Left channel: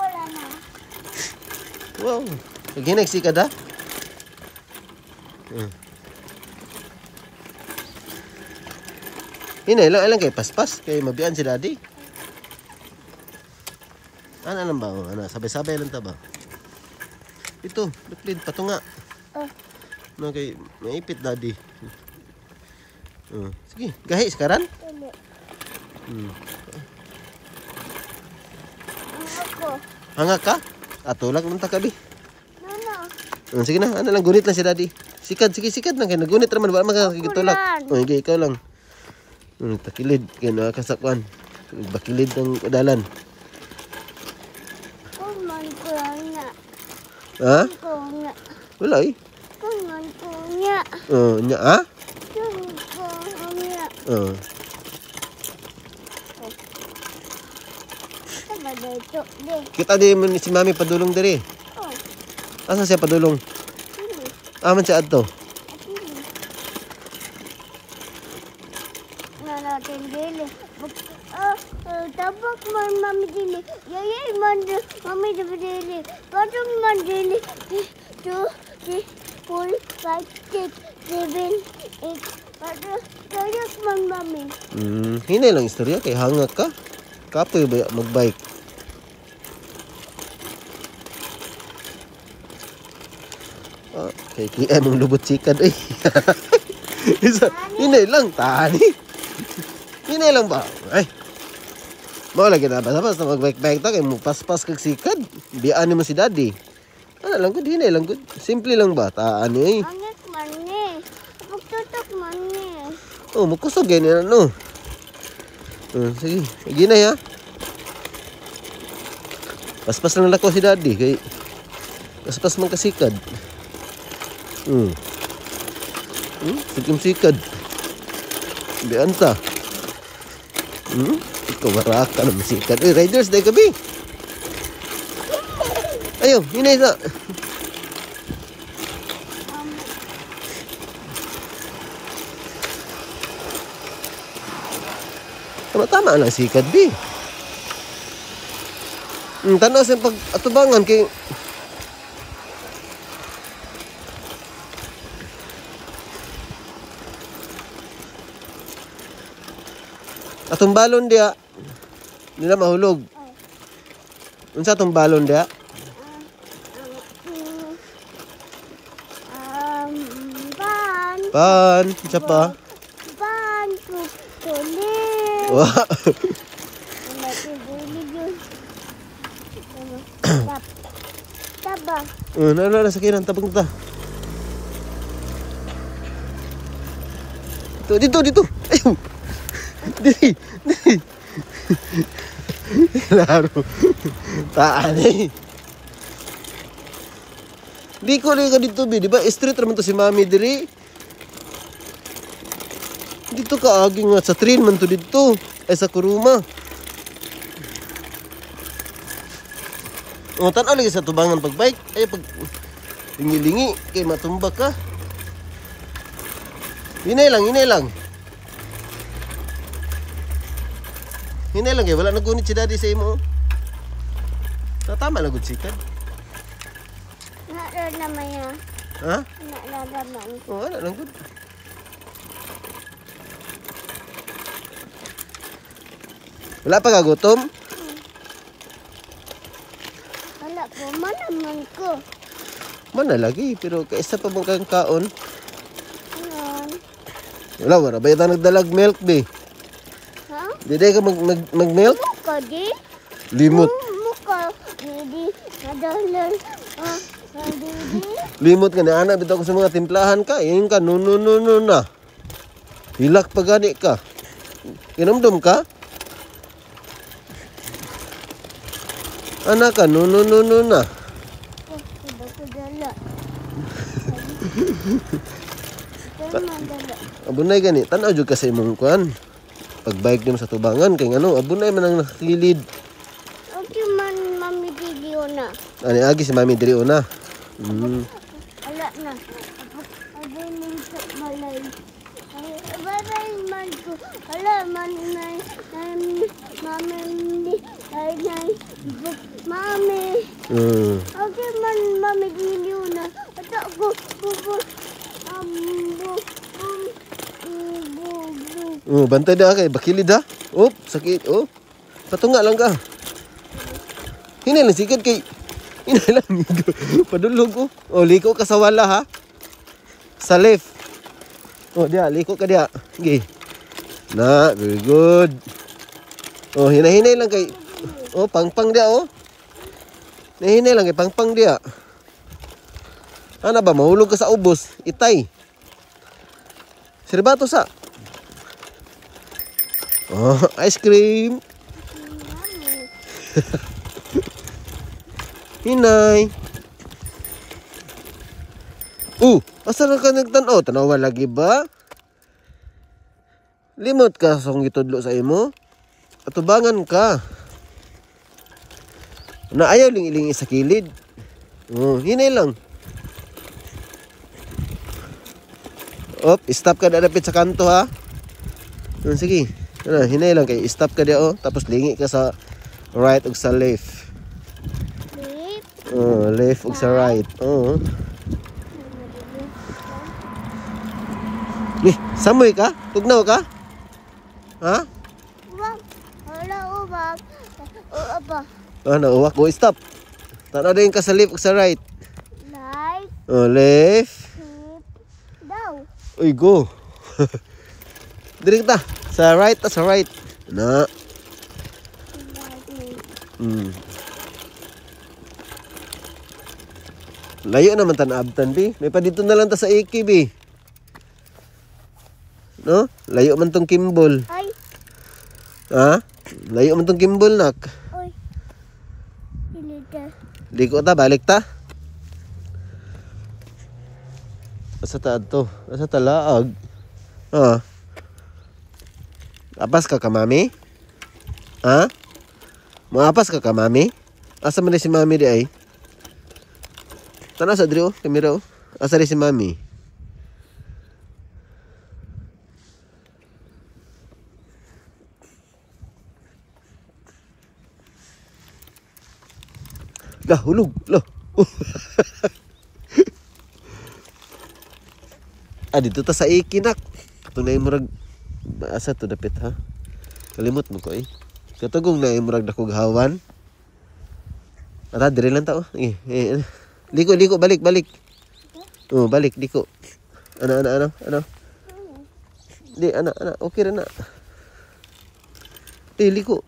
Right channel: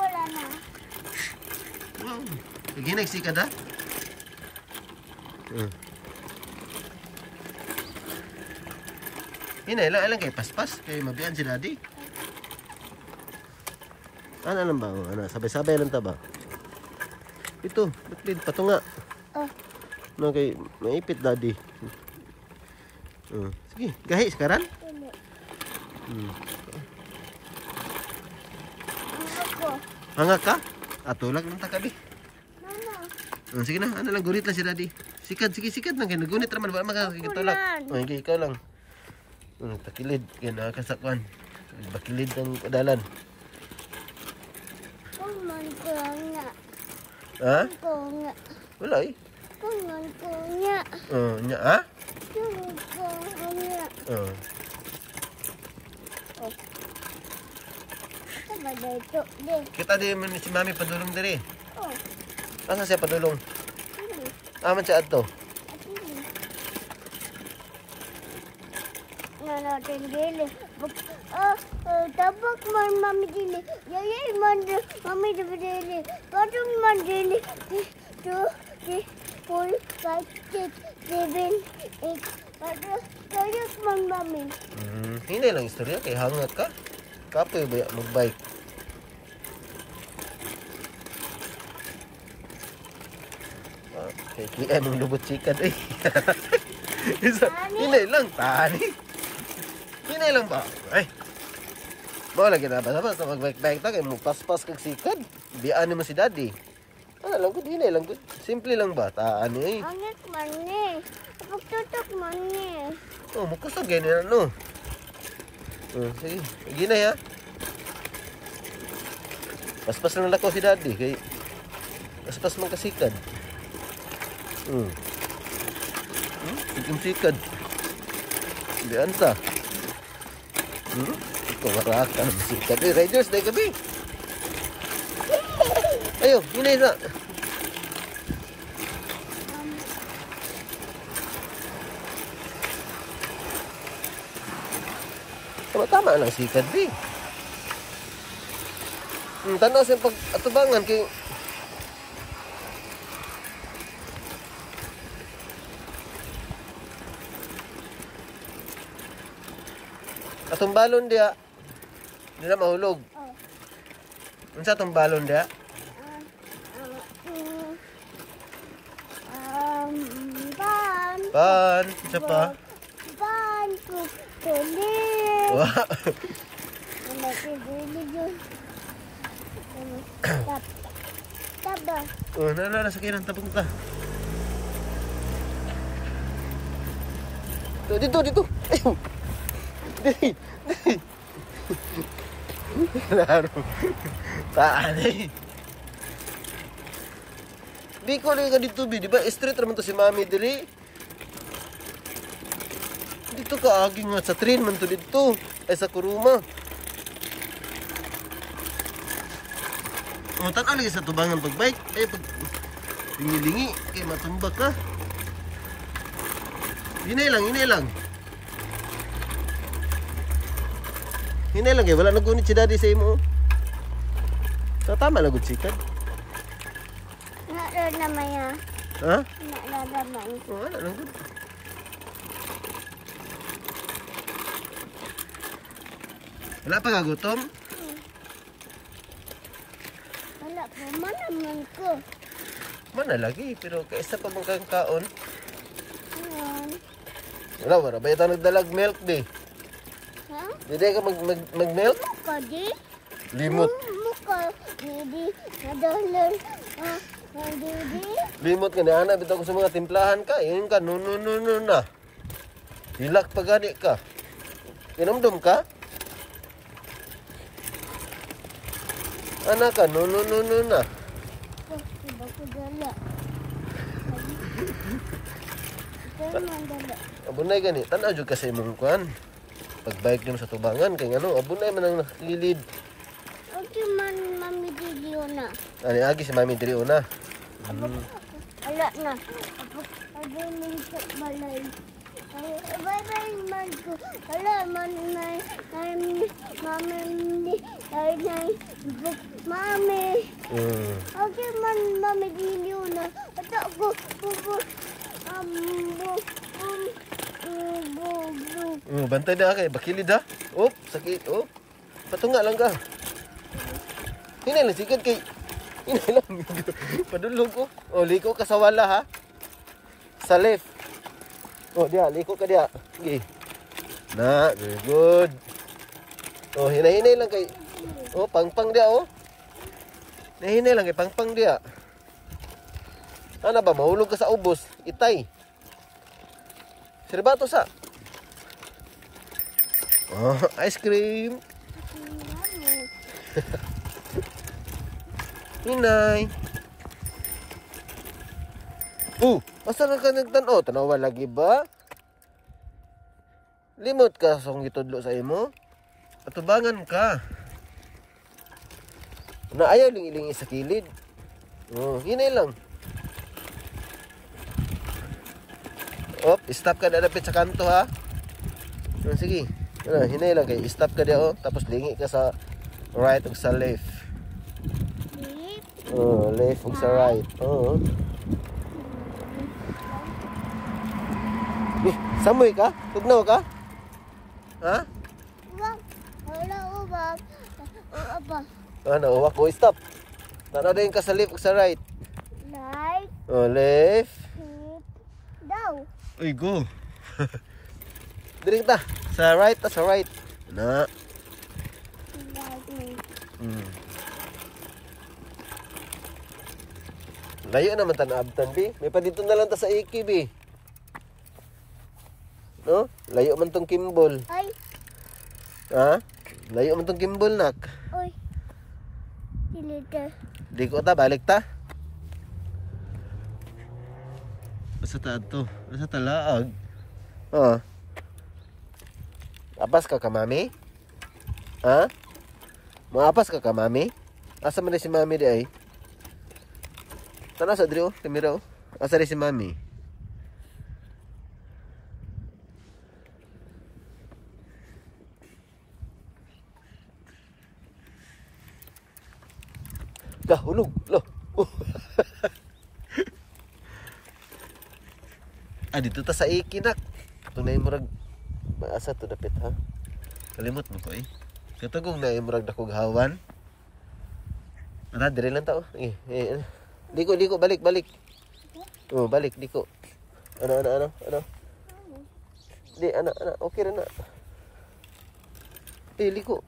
Wala na. Wow. Lagi nagsikad ha? Ilang kay paspas. Kay mabian si daddy. Ano lang ba? Ano, sabay-sabay lang ta ba? Ito, bitlid, patunga. No, kay maipit daddy. Sige, gahi sekarang. Hangak ka? Atulak lang ta kabi. Sige na, ano lang, gunit lang si daddy. Sikad, sige, sikad lang. Kaya nagunit naman, ba makakagitulak. Sige, ikaw lang. Takilid, kaya nakakasakwan. Bakilid ng dalan. Kuman ko nga. Ha? Ko nga. Wala eh. Kuman ko nga. Nya, ha? Kuman ko nga. Saba dito, di. Kita di si mami padulong dari. Asa siya padulong? Aman siya adto. Natin dili. Tabak man mami dili. Yayay man mami dili. Patong man dili. 2, 3, 4, 5, 6, 7, 8. Tayak man mami. Hinay lang istorya kay hangak ka. Kapoy ba magbike? Kay kian ng lubot sikad eh. Hinay lang tani. Hinay lang ba? Ay. Mo lagi na basta magbike-bike ta kay mo paspas kag sikad. Biyaan mo si daddy. Ano lang gud, hinay lang gud. Simple lang ba? Taan eh. Angit man ni. Pagtutok man ni. Magkusog ganyan ano. Sige, sige na ya. Paspas lang ako si daddy kay paspas man kasikad. Sikad. Bian ta. Ito maraka na sikad. Riders day gabi. Ayo, hinay na. Tama lang sikad di. Tanaw sa pag atubangan kay atong balon dia. Nila mahulog. Unsa atong balon dia? Pan, unsa pa? Pan, kulit. Wah. Taba. Yun, ano sa kiran, tabang ta. Dito. Dito. Laro. Taan eh. Di ko rin ka dito, di ba? Street naman to si mami diri. Dito ka agi nga sa train man to dito. Ay sa kuruma. Tanaw lagi sa tubang ng pagbike. Ay pag lingi-lingi kay matumbak ka. Hinay lang. Hinay lang kay wala nagunit si daddy sa imo. Tama lang gud sikad. Nara naman ya. Ha? Nara naman. Wala lang gud. Wala pa ka gutom? Wala po, manaman ko. Mana lagi, pero kaisa pa mo kayong kaon. Ayan. Wala ba yung nagdalag milk, be? Ha? Diday ka mag-milk? Muka di? Limot. Muka. Hindi. Nadalan. Hindi. Limot ka na, anak. Bitaw ko sa mga timplahan ka. Iyon ka, no na. Hilak pa gani ka. Inumdum ka? Anak ka, no na. Iba ko dala. Ito mandala. Abunay gani, tanaw jud ka sa imong kuan. Pagbike mo sa tubangan kay ngano, abunay man ang nakilid. Okay man mami diliyo na. Ani agi si mami diri una. Ala na. Abulin sa balay. Bye-bye, manku. Hello, mami. Mami. Okay, mami dili na. Ato ko bubur. Bantay dah kay bakilid dah. Sakit. Patunga lang ka. Hini lang sikit kay. Hini lang. Padulog ko. Liko ka sa wala ha. Sa left. Dia liko ka dia. Okay. Na, very good. Hinay-hinay lang kay. Pangpang dia Hinay lang kay pangpang dia. Ano ba mahulog ka sa ubos? Itay. Sirbato sa. Ice cream. Hinay. Asa na ka nagtanaw? Tanawa lagi ba? Limot ka sa kung itudlo sa imo? Atubangan ka. Na ayaw ling-iling sa kilid. Hinay lang. Stop ka na dapit sa kanto ha. Sige. Hinay lang kay stop ka dia tapos lingi ka sa right ug sa left. Left ug sa right. Samoy ka? Tugnaw ka? Ha? Wala ubab. Apa? Nauwa ko. Stop. Tara din ka sa left ug sa right. Right. Left. Daw. Uy, go. Direkta. Sa right, sa right. Na. Layo naman tanabtan, bi. May pa dito na lang ta sa AKB. No? Layo man tong Kimball. Ay. Ha? Layo man tong Kimball, nak. Oy. Dilita. Liko ta, balik ta. Asa ta to? Asa ta laag? Apas ka mami? Ha? Maapas ka mami? Asa man si mami di ay? Tanaw sa diri kamera Asa rin si mami? Lah, hulog. Lah. Dito ta sa ikinak. Tunay murag asa to dapit ha. Kalimot mo ko Katugong na murag dakog hawan. Ara dire lang ta Liko balik. Balik liko. Ano? Di ana okay ra na. Liko.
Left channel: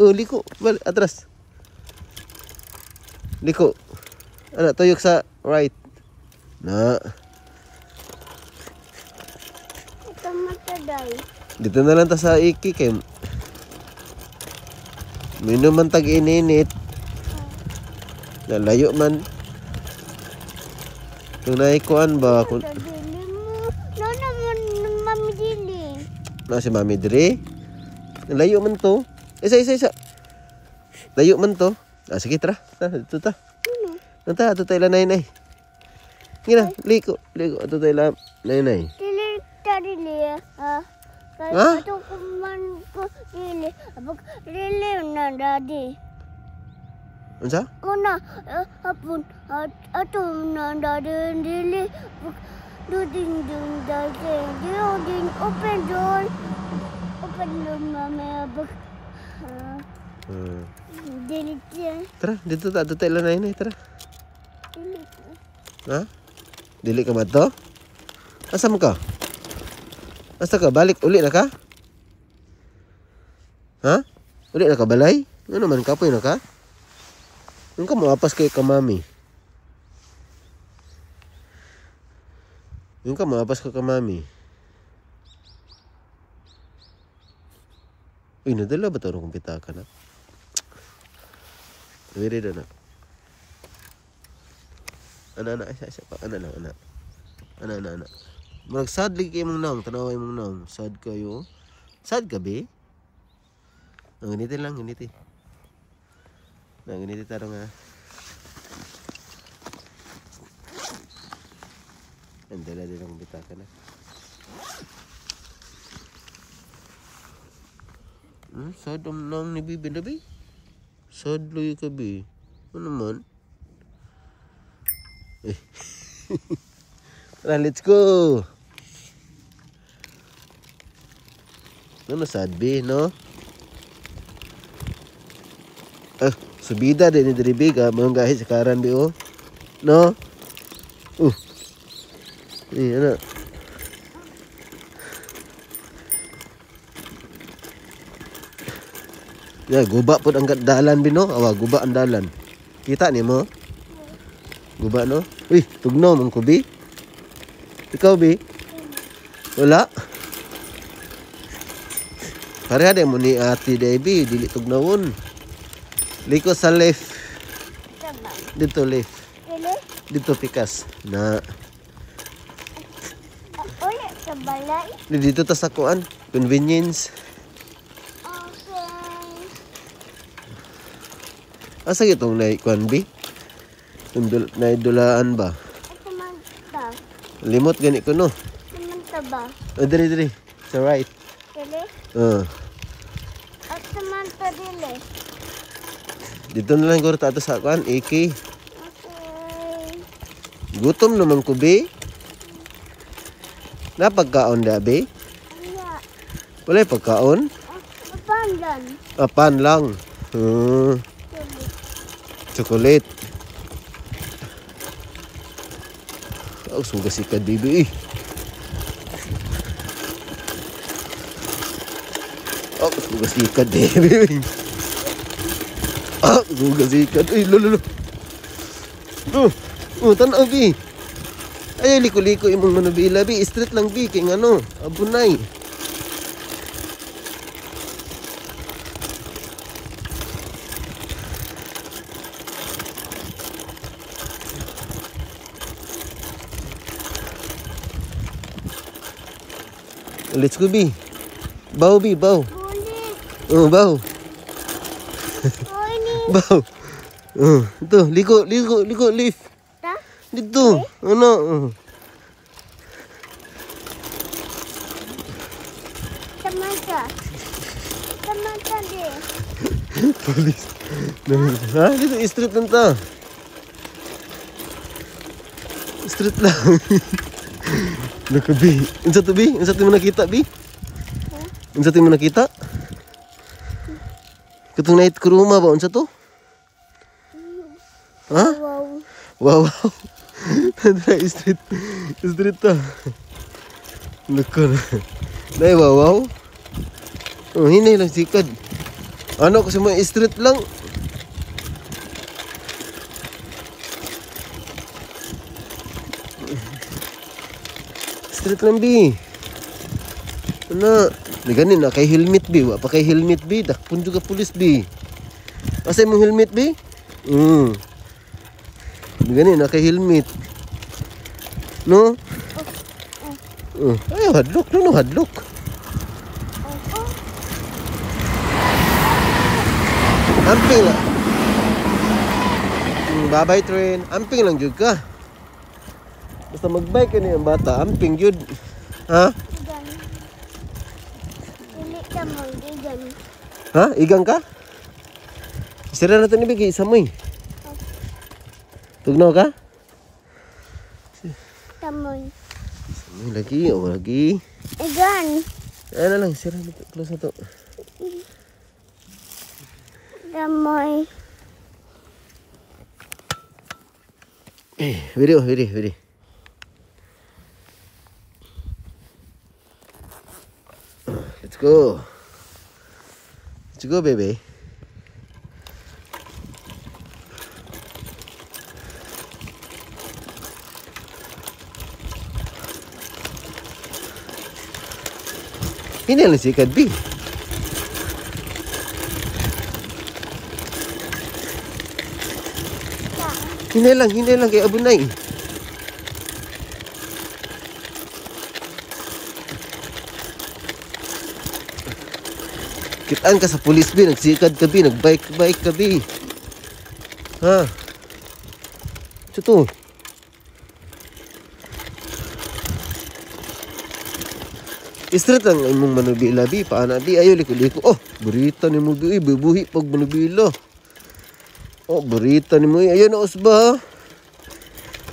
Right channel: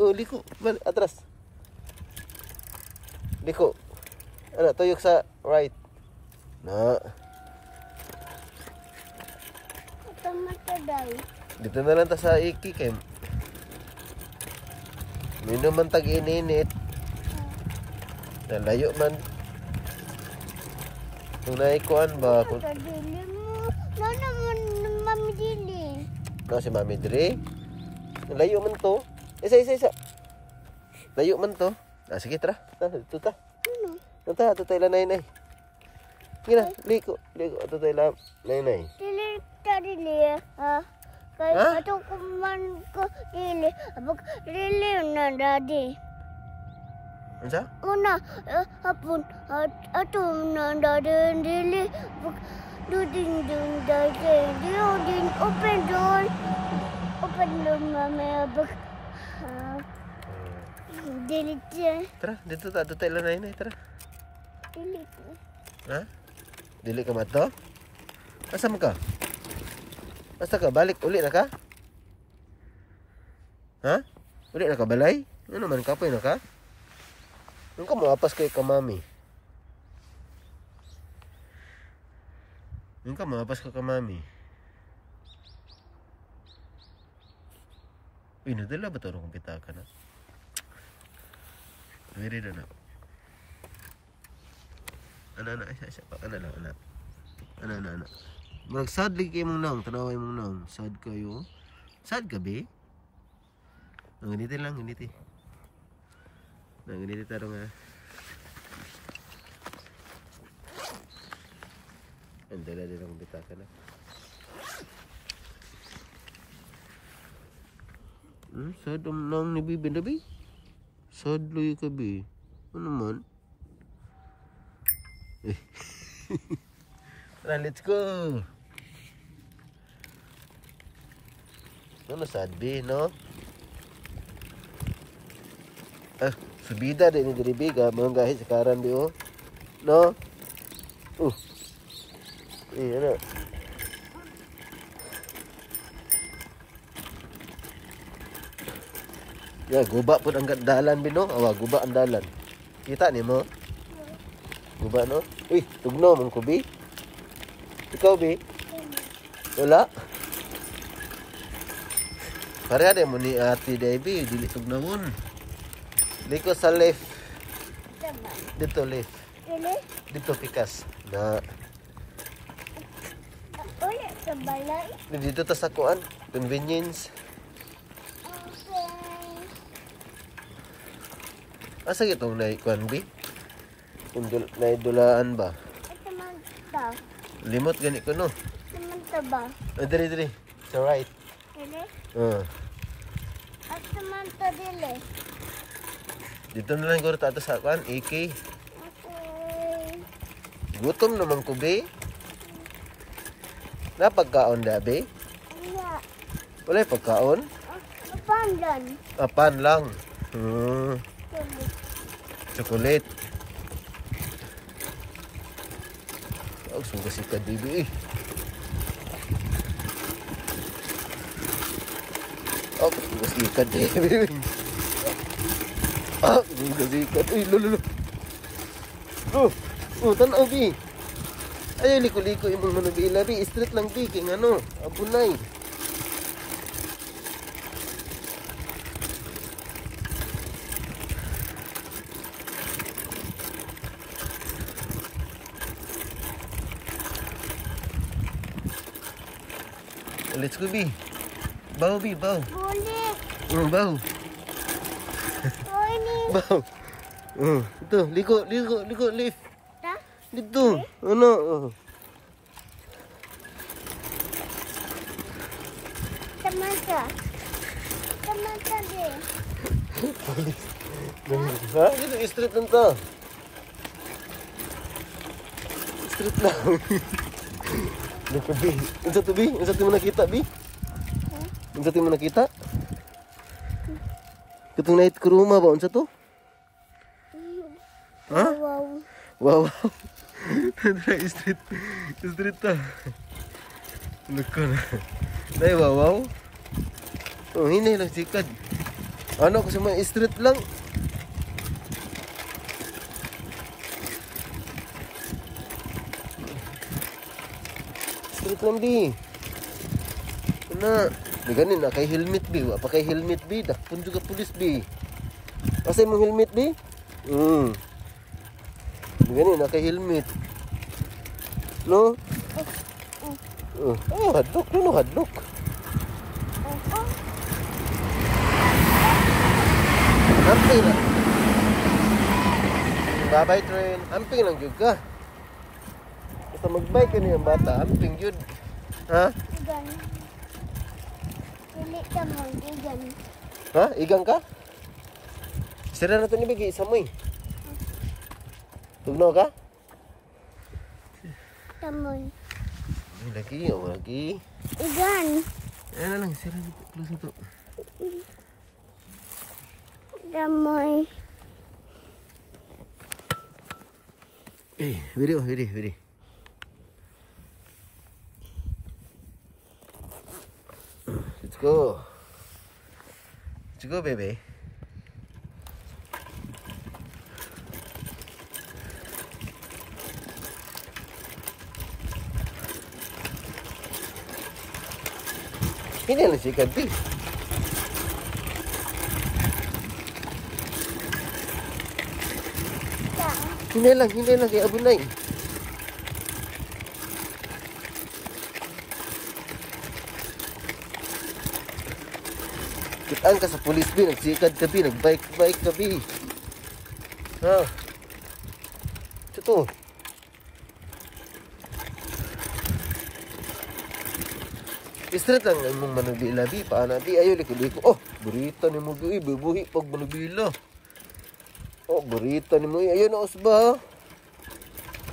Liko balik atras. Liko. Tuyok sa right. Na. Dito na lang ta sa iki kay minum man tag ininit. Nalayo man. Tunay kuan ba? Mami dili. Si mami diri. Nalayo man to. Isa. Layo man to. Sige tara. Dito ta. Nanta ato tayo lanay. Ngina, liko. Ato tayo lanay. Dili. Kaya ato kuman ko dili. Abag dili na daddy. Unsa? Una hapon ato na daddy dili. Duding daddy. Duding open door. Mami abag. Dili. Tara, dito ta ato tayo lanay tara. Dili. Ha? Dili ka ba to? Asa mo ka? Asa ka? Balik uli na ka? Ha? Uli na ka balay? Ano naman kapoy na ka? Ano ka maapas kay kamami? Ano ka maapas ka kamami? Uy, nadala ba ito ang kumpita ka na? Wiri na na. Ana. Marag sad lagi kayo mong naong. Tanaway mong naong. Sad kayo. Sad ka be? Ganiti lang. Ganiti taro nga. Ang dala din ang bitaka na. Sadam lang ni Bibi na bi. Sadloy ka bi. Ano naman? Eh. Tara, let's go. Ano sad bi, no? Subida din ni Dribi ka. Mayroong gahit sa karan bi, oh. No? Ano? Ya, guba po ang dalan bino. Awa, guba ang dalan. Kita ni mo? Guba no? Uy, tugnaw mong kubi. Ikaw bi? Wala. Kaya de mo ni Ate Debbie, dili tugnawon. Liko sa left. Dito left. Dito pikas. Na. Ulit sa balay. Dito ta sa kuan. Convenience. Okay. Asa itong naikuan bi? Naidulaan ba? Ito manta. Limot gani ko no? Manta ba? Diri. Sa right. Dili? Ito manta dili. Dito na lang guro tato sa kuan. AK. Okay. Gutom naman ko bi. Napagkaon da bi? Iya. Wala pagkaon? Pandan. Pan lang. Dili. Chocolate. Suga si Bibi. Suga si Bibi. Suga si lolo. Tanaw bi. Ay liko-liko imong manubila bi. Street lang bi kay ngano, abunay. Let's go bi. Baw bi, baw. Ulit. Baw. Oh, ini. Baw. Ito, liko, lift. Ta? Dito. Ano? Tamasa. Tamasa deh. Polis. Ha? Dito, street lang ta. Street lang. Naku, bi. Unsa to, bi? Unsa to mo nakita, bi? Unsa to mo nakita? Katong night kuruma ba? Unsa to? Ha? Wow. Wow. Tara, street. Street ta. Naku. Dahil wow. Hini lang sikad. Ano kasi mo street lang. Street lang bi. Ano? Di ganin na kay helmet bi. Wa pa kay helmet bi. Dakpon juga pulis bi. Asay mo helmet bi? Di ganin na kay helmet. No? Ay, hadlok. No, hadlok. Amping. Magabay train. Amping lang juga. Basta mag-bike ka niya bata. Amping yun. Ha? Igan. Dili ka mo, igan. Ha? Igang ka? Sira na ito nibigay. Isa mo eh. Tugnaw ka? Tamoy. Lagi. O lagi. Igan. Ayan na lang. Sira na ito. Close na ito. Tamoy. Video. Let's go. Let's go, baby. Ini lang si Kadbi. Hinay lang kay Abunay. Kitaan ka sa pulis bi, nagsikad ka bi, nagbike ka bi. Ha? Ito. Straight lang imong manubila bi paana bi ayo liko. Oh, burita ni mo bi bubuhi pag manubila. Oh, burita ni mo ayo na usba.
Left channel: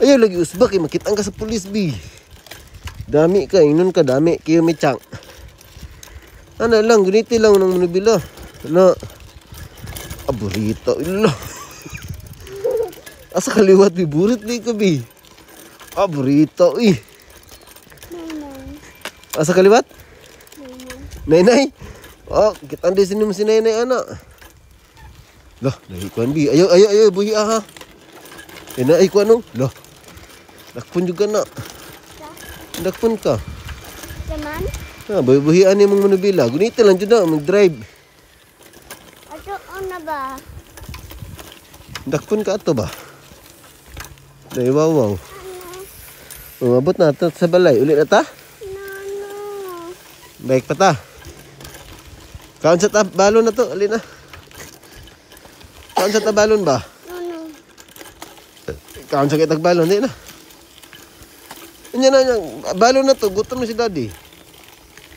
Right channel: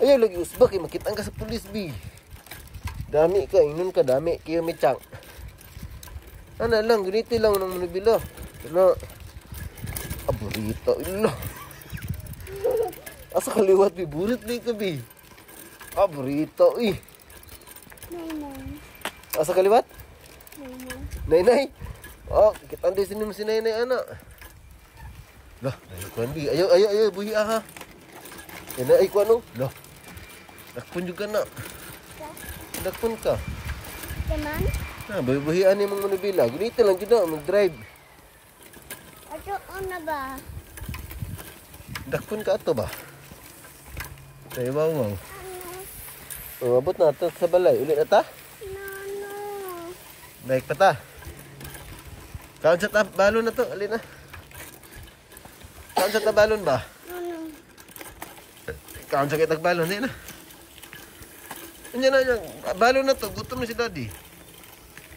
Ayo lagi usba kay makitang ka sa pulis bi. Dami ka inon ka dami kayo mitang. Ano lang guniti lang ng manubila. Ano? Burita ilo. Asa kaliwat bi burit bi ka bi. Burita Nanay. Asa kaliwat? Nanay. Nenay. Oh, kita di sini si nenay anak. Lah, kuan bi. Ayo buhi ha. Ina ay kuan no. Lah. Dakpon juga nak. Dakpon ka. Kanan. Ha, buhi ani mong manubila. Gunita lang jud na mag-drive. Ato na ba? Dakpon ka ato ba? Dai wow. Umabot na ta sa balay. Uli na ta? Nano. Baik pa ta. Kaon sa balon na to. Uli na. Kaon sa balon ba? Nano. Kaon sa kitag balon. Di na. Unya na, balon na to. Gutom na si daddy.